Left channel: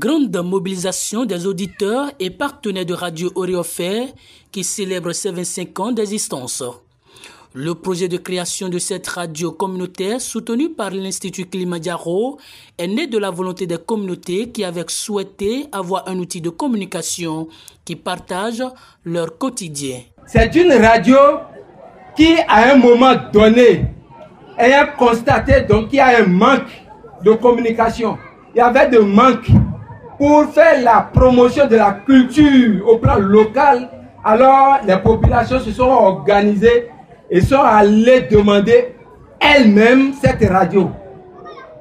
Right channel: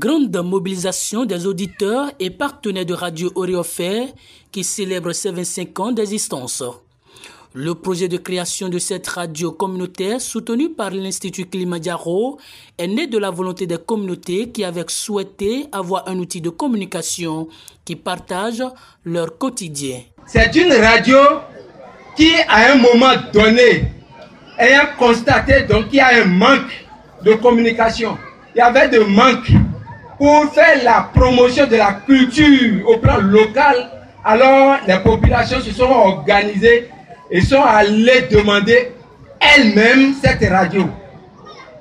Grande mobilisation des auditeurs et partenaires de Radio Oréofer qui célèbre ses 25 ans d'existence. Le projet de création de cette radio communautaire soutenu par l'Institut Kilimanjaro est né de la volonté des communautés qui avaient souhaité avoir un outil de communication qui partage leur quotidien. C'est une radio qui, à un moment donné, ayant constaté qu'il y a un manque de communication. Il y avait des manques pour faire la promotion de la culture au plan local. Alors, les populations se sont organisées et sont allées demander elles-mêmes cette radio.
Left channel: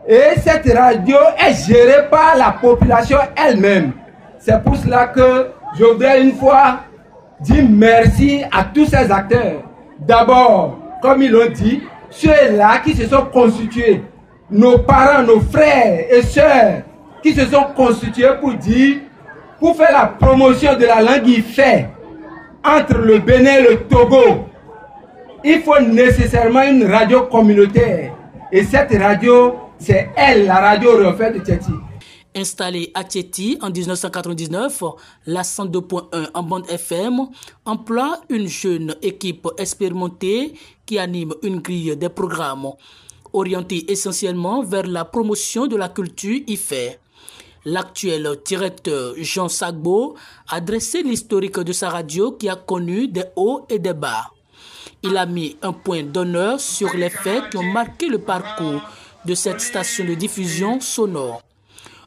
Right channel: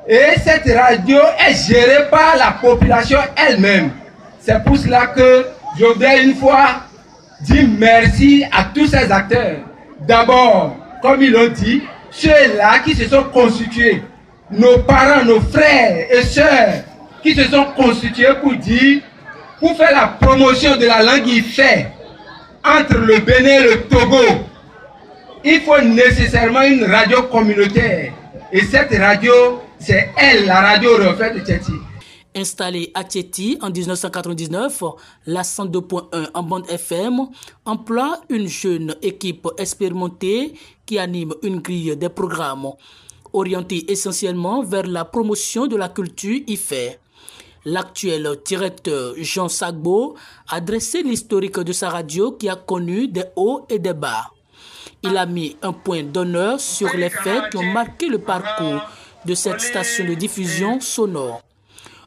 Et cette radio est gérée par la population elle-même. C'est pour cela que je voudrais une fois dire merci à tous ces acteurs. D'abord, comme ils l'ont dit, ceux-là qui se sont constitués, nos parents, nos frères et sœurs, qui se sont constitués pour faire la promotion de la langue IFE entre le Bénin et le Togo. Il faut nécessairement une radio communautaire. Et cette radio, c'est elle, la radio Oréofer de Tchéti. Installée à Tchéti en 1999, la 102.1 en bande FM emploie une jeune équipe expérimentée qui anime une grille des programmes orientée essentiellement vers la promotion de la culture IFE. L'actuel directeur Jean Sagbo a dressé l'historique de sa radio qui a connu des hauts et des bas. Il a mis un point d'honneur sur les faits qui ont marqué le parcours de cette station de diffusion sonore.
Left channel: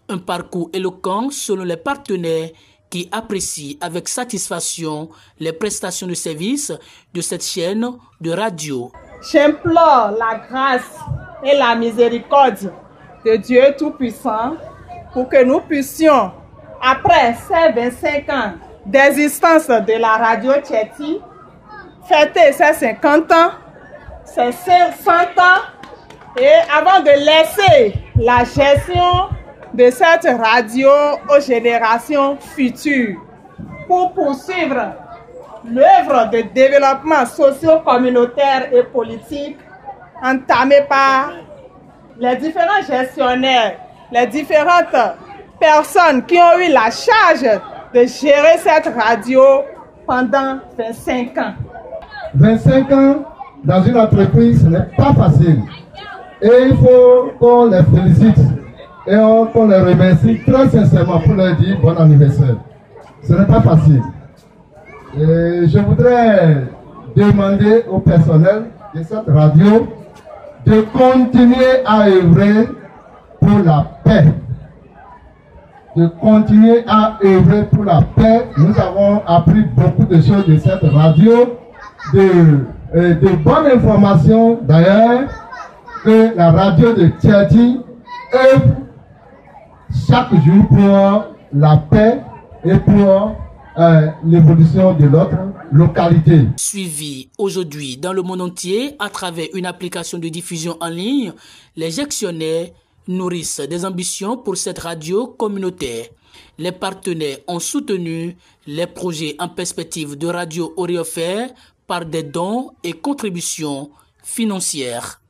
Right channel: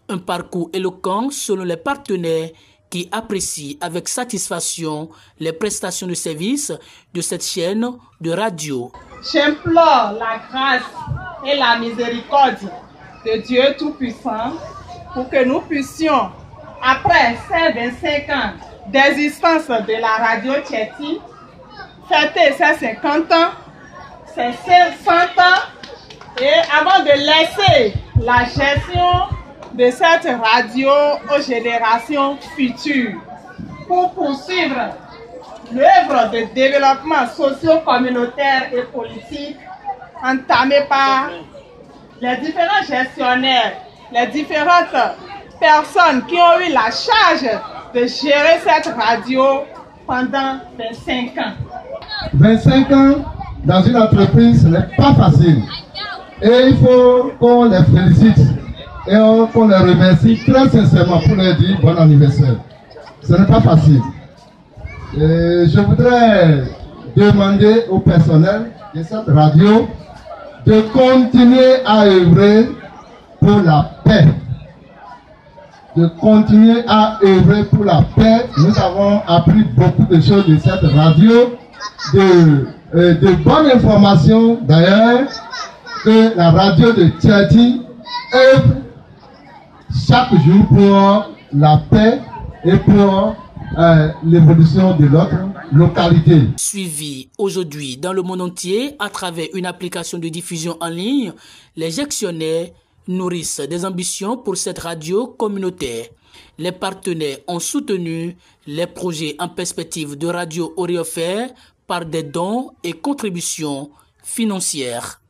Un parcours éloquent selon les partenaires qui apprécient avec satisfaction les prestations de services de cette chaîne de radio. J'implore la grâce et la miséricorde de Dieu Tout-Puissant pour que nous puissions, après ces 25 ans d'existence de la radio Tchéti, fêter ses 50 ans, ses 100 ans, et avant de laisser la gestion de cette radio aux générations futures pour poursuivre l'œuvre de développement socio-communautaire et politique entamée par les différents gestionnaires, les différentes personnes qui ont eu la charge de gérer cette radio pendant 25 ans. 25 ans dans une entreprise, ce n'est pas facile. Et il faut qu'on les félicite et qu'on les remercie très sincèrement pour leur dire bon anniversaire. Ce n'est pas facile. Et je voudrais demander au personnel de cette radio de continuer à œuvrer pour la paix. De continuer à œuvrer pour la paix. Nous avons appris beaucoup de choses de cette radio, de bonnes informations d'ailleurs, que la radio de Tchéti œuvre chaque jour pour la paix et pour l'évolution de notre localité. Suivi aujourd'hui dans le monde entier à travers une application de diffusion en ligne, les gestionnaires nourrissent des ambitions pour cette radio communautaire. Les partenaires ont soutenu les projets en perspective de Radio Oréofer par des dons et contributions financières.